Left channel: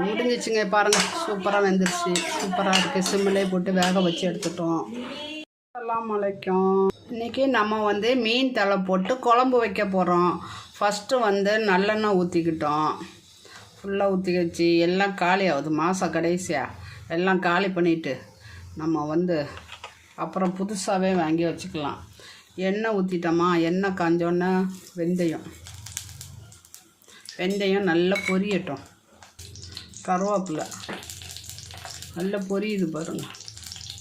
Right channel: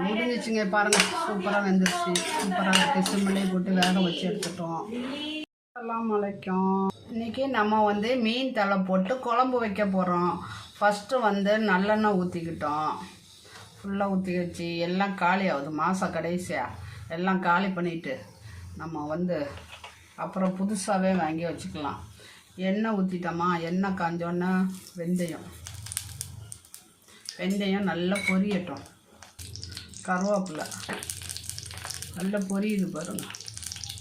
முடிஞ்சிச்சுங்க பாருங்க. சூப்பராக வெந்துருச்சு. சூப்பராக இருக்குது சிம்மிலே போட்டு வேக வச்சு எடுத்துட்டோம். எல்லாம் முளைக்கும் இன்றைக்கி நம்ம வந்து மீன் தலை போட்டு குழம்பு வைக்க போகிறோம் ஃபஸ்ட்டு வந்து நல்லெண்ணெய் ஊற்றிக்கிட்டோம் ஃபுல்லாக ஊற்றி வச்சு எல்லாம் காலி ஆகுது. மாதம் கடைசியாக எல்லாம் காலி பண்ணிவிட்டு நம்ம வந்து அப்புறம் புதுசாகவே வாங்கி வச்சுக்கலாம். எண்ணெய் ஊற்றிட்டோமா எண்ணெய் காஞ்சோன்னே வெந்தயம். வெந்தயம் நல்லா பொரியட்டும். கருவேப்பிலை. நல்லா பொரியுது பாருங்கள்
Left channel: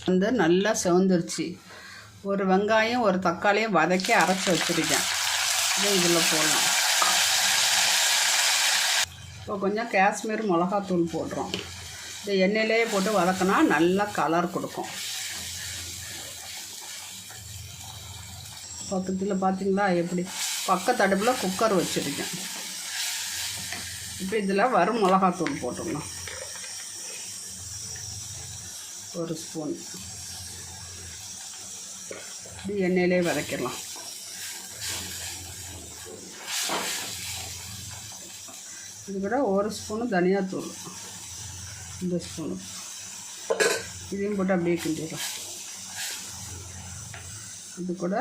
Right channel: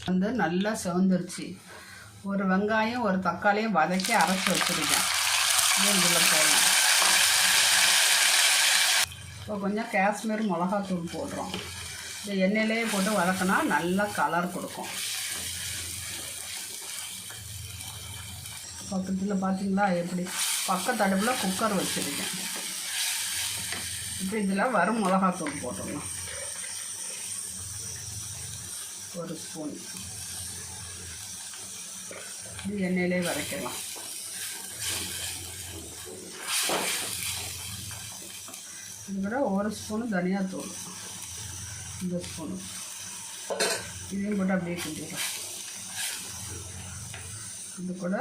வந்து நல்லா செவந்துருச்சு. ஒரு வெங்காயம் ஒரு தக்காளியும் வதக்கி அரைச்சி வச்சுருக்கேன். இதில் போடலாம். இப்போ கொஞ்சம் காஷ்மீர் மிளகாத்தூள் போடுறோம். இந்த எண்ணெயிலேயே போட்டு வதக்கினா நல்லா கலர் கொடுக்கும். பக்கத்தில் பார்த்தீங்களா எப்படி? பக்கத்தடுப்பில் குக்கர் வச்சுருக்கேன். இப்போ இதில் வரும் மிளகாத்தூள் போட்டுடலாம் ஒரு ஸ்பூன். இது எண்ணெயிலே வதக்கிடலாம். இது கூட ஒரு ஸ்பூனு தனியாத்தூள். இந்த ஸ்பூனு. இதையும் போட்டு அப்படியே கிண்டிடலாம். இது கூட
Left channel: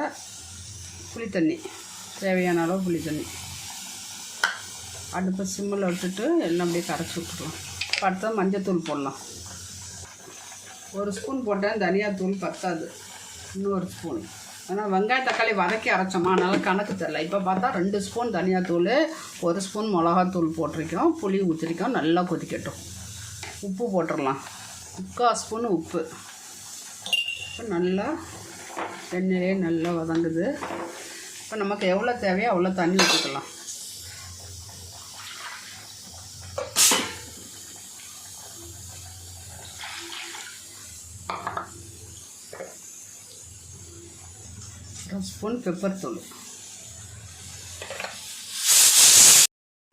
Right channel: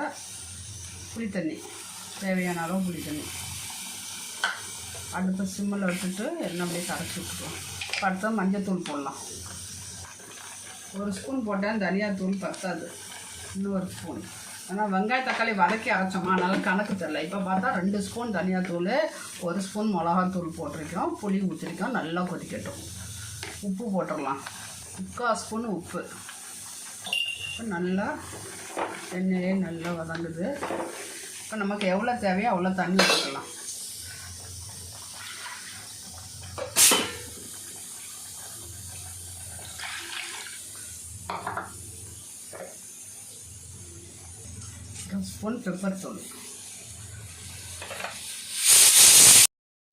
புளி தண்ணி தேவையான அளவு புளி தண்ணி அடுப்பை சிம்மில் விட்டுட்டு எண்ணெய் அப்படியே கரைச்சி விட்டுருவோம். அடுத்தது மஞ்சத்தூள் போடலாம். ஒரு ஸ்பூன் போட்டேன் தனியாத்தூள் பத்தாது. இன்னொரு ஸ்பூன். ஆனால் வெங்காய தக்காளி வதக்கி அரைச்சோமா? அதனால் கணக்கு தெரில இப்போ பார்த்தா ரெண்டு ஸ்பூன் தனியாத்தூள் ஒரு ஸ்பூன் மிளகாத்தூள் போட்டிருக்கோம். புளி ஊற்றிருக்கோம் நல்லா கொதிக்கட்டும். உப்பு போட்டுடலாம். முக்கால் ஸ்பூன் உப்பு. நல்லா எண்ணெயே நல்லா வதங்குது. இப்போ நமக்கு எவ்வளோ தேவையோ அவ்வளோ தண்ணி ஊற்றிக்கலாம். ஸ்பூன் பெப்பர் தூள்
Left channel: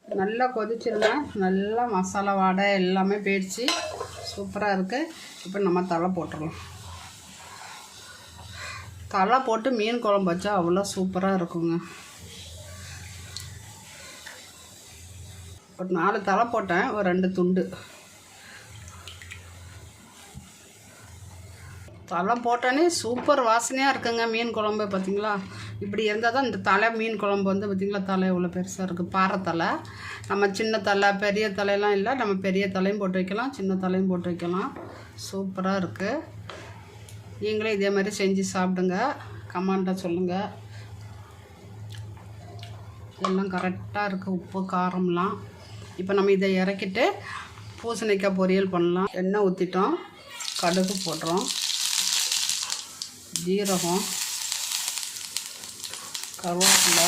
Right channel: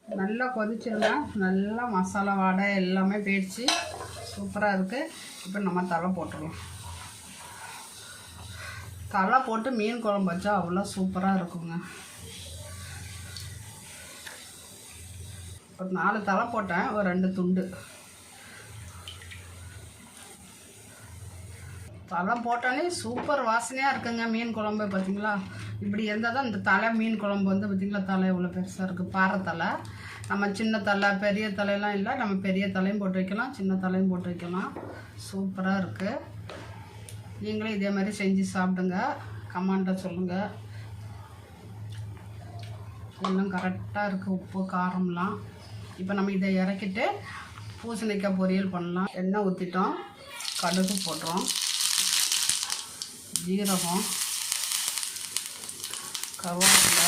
நல்லா கொதிச்சிருங்க நல்லா மசாலா வாடை எல்லாமே போயிடுச்சு சூப்பராக இருக்குது இப்போ நம்ம தலை போட்டுடலாம் தலை போட்டு மீன் குழம்பு வச்சா அவ்வளோ சூப்பராக இருக்குங்க. ஒரு நாலு தலை போட்டேன். ஒரு ரெண்டு துண்டு. தலை போட்டோன்னே சூப்பர் வாசனையாக இருக்குங்க மீன் குழம்பு பார்த்தீங்களா இப்படி இருந்தால் தான் இந்த தலை மீன் குழம்பு வந்து பார்த்தீங்களா தலை இவ்வளோ பெருசாக இருக்குது பாறை தலை. நம்ம சின்ன தலை பெரிய தலையெல்லாம் இல்லை நம்ம பெரிய தலையும் போட்டு வைக்கலாம் சின்ன தலையும் போட்டு வைக்கலாம். சூப்பராக இருக்குது நீங்களும் இதே மாதிரி செஞ்சு சாப்பிடுங்க. கமாண்டாக சொல்லுங்கள் எல்லாம் கரெக்டாக இருக்குது உப்பு காரம்லாம். இப்போ நம்ம இதை இறக்கிட்டு பூசணிக்காய் பொரியல் பண்ணலாம். எண்ணெய் ஊற்றிட்டோம் கடுகு போடுறோம் ஜீரகம் கருவேப்பிலை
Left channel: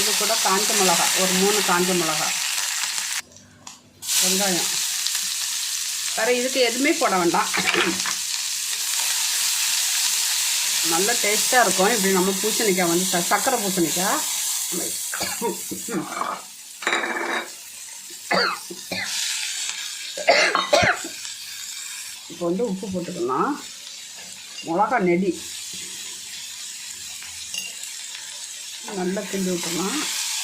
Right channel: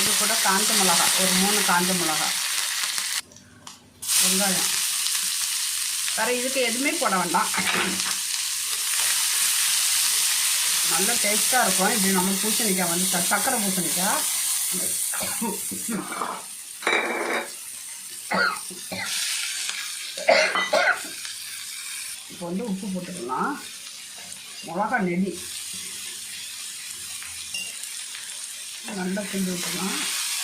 இது கூட காஞ்ச மிளகா ஒரு மூணு காஞ்ச மிளகா வெங்காயம். வேறு இதுக்கு எதுவுமே போட வேண்டாம். நல்ல டேஸ்ட்டாக இருக்கும். இப்படி நம்ம பூசணிக்காய் வந்து சர்க்கரை பூசணிக்காய். இப்போ வந்து உப்பு போட்டுக்கலாம். மிளகா நெடி. நல்லா கிண்டி விட்டுணும்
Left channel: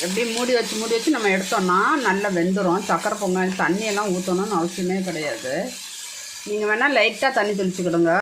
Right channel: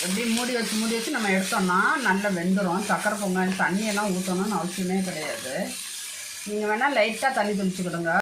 எப்படி மூடி வச்சு மூடி வச்சு நம்ம எடுத்தோம்னா நல்லா வெந்துடும் சக்கரை பொங்கல் தண்ணியெல்லாம் ஊற்றணும்னு அவசியமே கிடையாது. நீங்கள் வேணால் லைட்டாக தண்ணி தெளிச்சுக்கிடுங்க.